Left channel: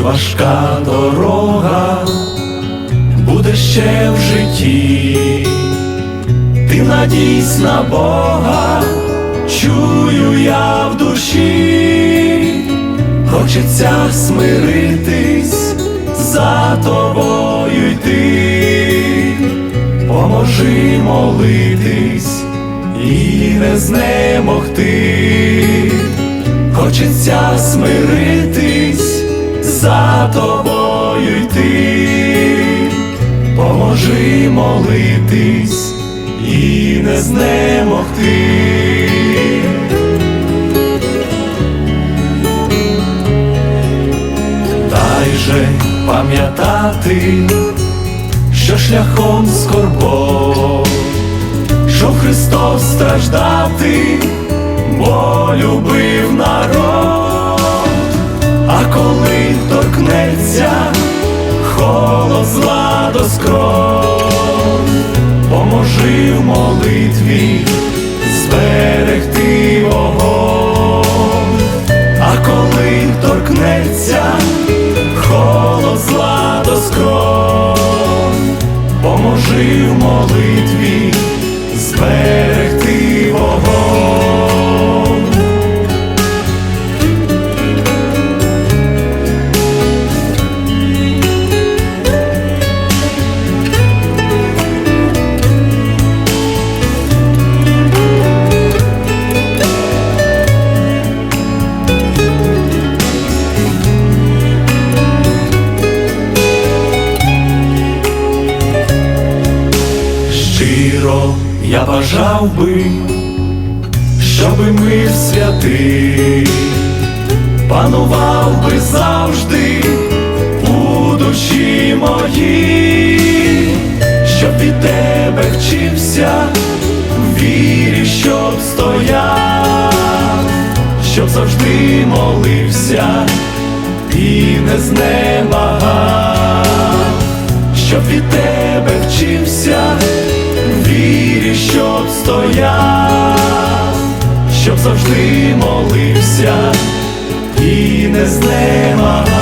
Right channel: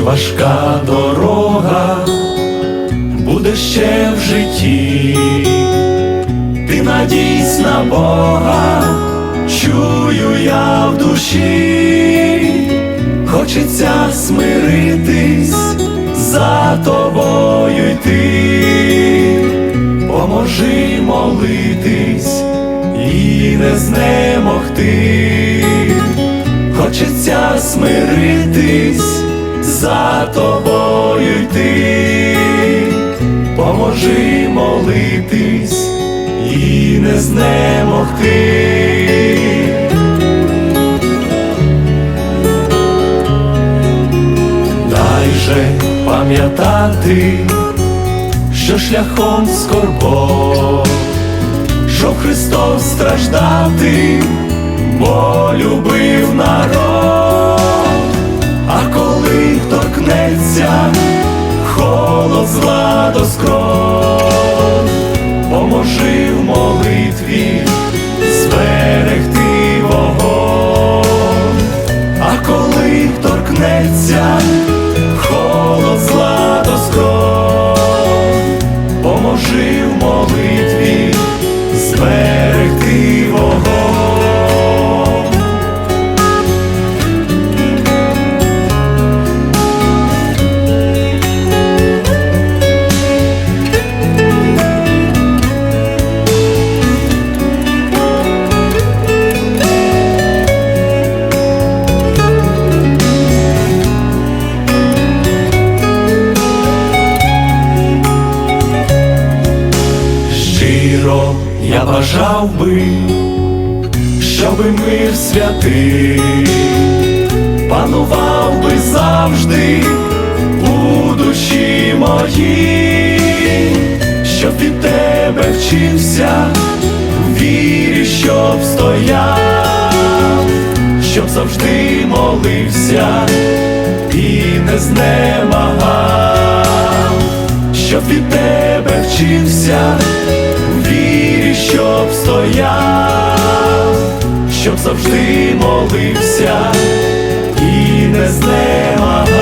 важка дорога буде ще в житті, ти надійсь на Бога, чую я в душі, хочеться смиритись, за тобою йти, поможи молитись і не знемогти, хочеться смиритись, за тобою йти, поможи молитись і не знемогти. Дай же пам'ятати, що шляхом скорбот, що Христос страждати, бо любив народ, до поможи в молитві зберегти вогонь, а коли торкнеться холод зла до скронь, поможи в молитві зберегти вогонь. Щиро я бажав би, щоби мир святий панував би завжди у душі моїй, щоб від тебе вчився, в вірі, щоб стояв, щоб завжди молився і не знемагав, щоб від тебе вчився, в вірі, щоб стояв, щоб завжди молився і не знемагав.